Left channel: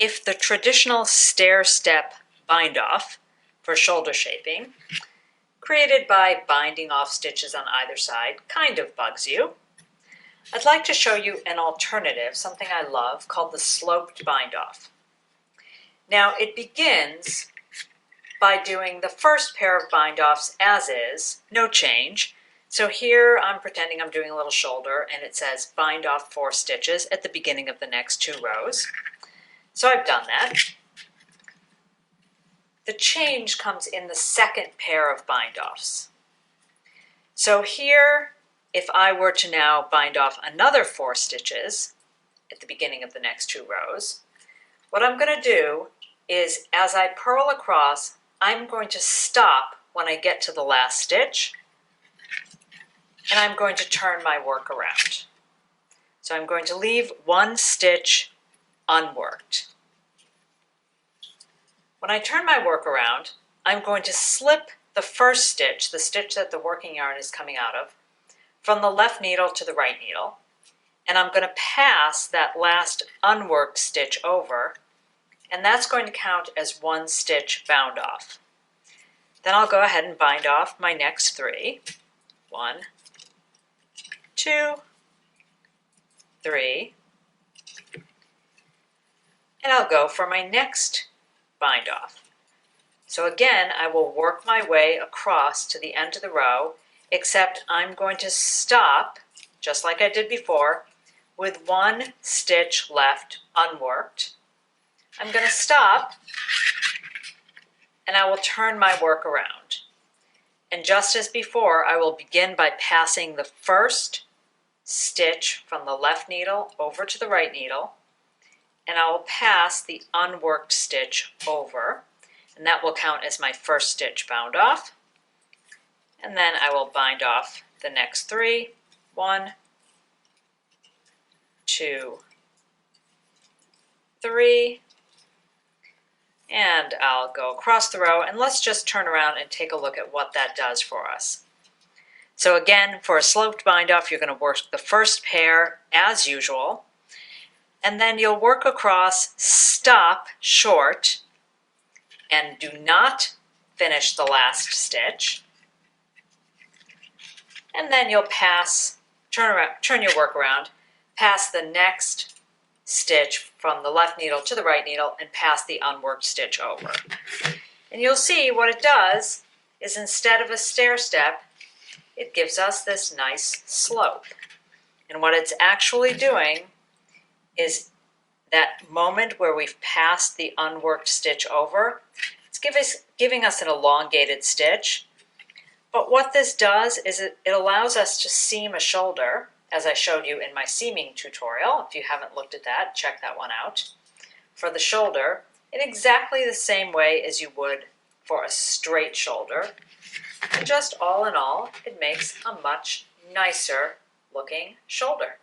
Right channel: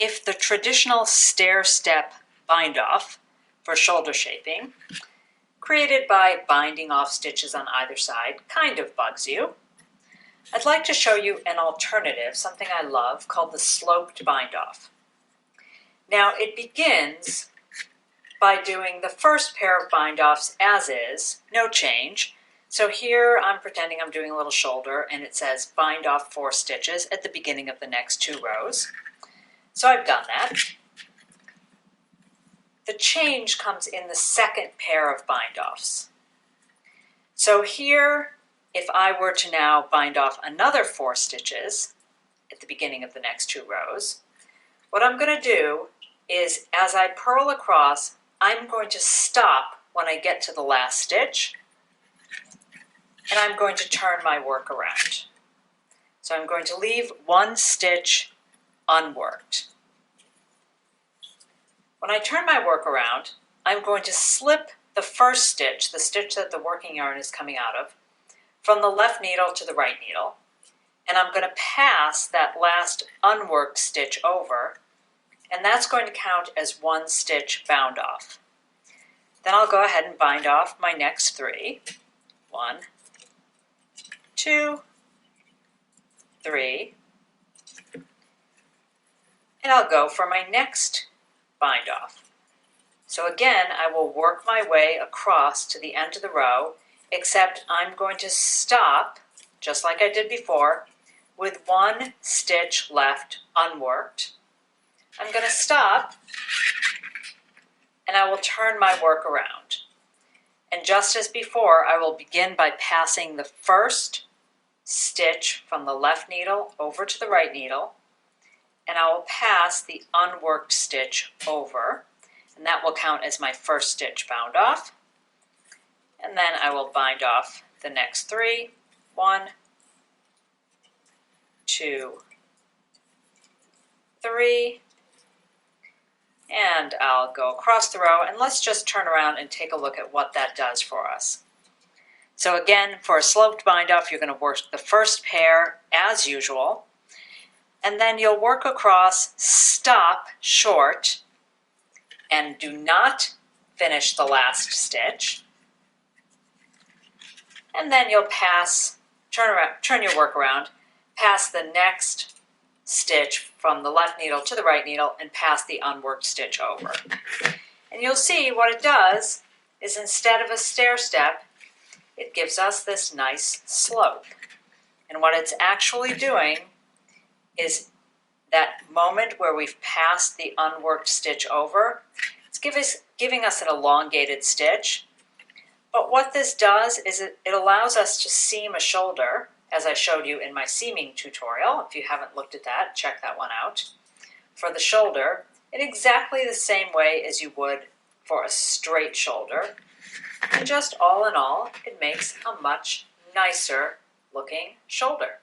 if the traditional stair-step bind-off for shoulder shaping, created by binding off stitches on either side, kind of bugs you, I'd like to show you an alternative, something I love, called the sloped bind-off. Now, it begins by doing the first pair of bind-offs as is, no change. So here I'm pretending I'm doing a little shoulder, and it says bind off 4 stitches at the beginning of the next 2 rows. So I've done that. The change comes in the second pair of bind-offs. So here, if I were to now bind off another 4 stitches at the beginning of the next 2 rows, what I'm going to do is, as I purl across, I'm going to stop when I get to the last stitch, and I'm going to turn my work around. So I'm going to leave 1 stitch unworked. When I turn my work around, I'm going to slip the first stitch, the stitch that the working yarn is coming out of, from the left needle to the right needle, and I'm going to pass that last unworked stitch over, and that's going to count as 1 stitch bound off. Then I'll go ahead and bind off my next 3. 1, 2, 3, and I'll go for my next bind off. So again, I will work my way across to the end of the row, except I'm going to stop, just like I did before, with 1 stitch left unworked. I'm going to stop, and I will turn my work around. And just as before, I will begin by passing the first stitch from the left needle over to the right needle, and I will pass the unworked stitch over, and that will count as my first stitch bound off. And then I will bind off the next 3. 1, 2, 3, and I'll go across the row, and let's just turn around and take a look at what that does for us. So again, for a sloped bind off, you're going to work the first pair as usual, and then you'll work across, stop short, and do not finish the last stitch. And then you'll pass, turn your work around, pass the next stitch from the left needle to the right needle, and pass the unworked stitch over. And you'll see what it does is, instead of a stair step, it gives us this nice slope. And what it's actually doing is that moment where we've passed the unworked stitch over, it's giving us an elongated stitch. But what this does is it allows us to seam a shoulder, as I showed you in my seaming tutorial. If you haven't looked at that, check that one out. For the shoulder, in exactly the same way as you would for a straight shoulder. And just all in all, it makes a much nicer looking shoulder.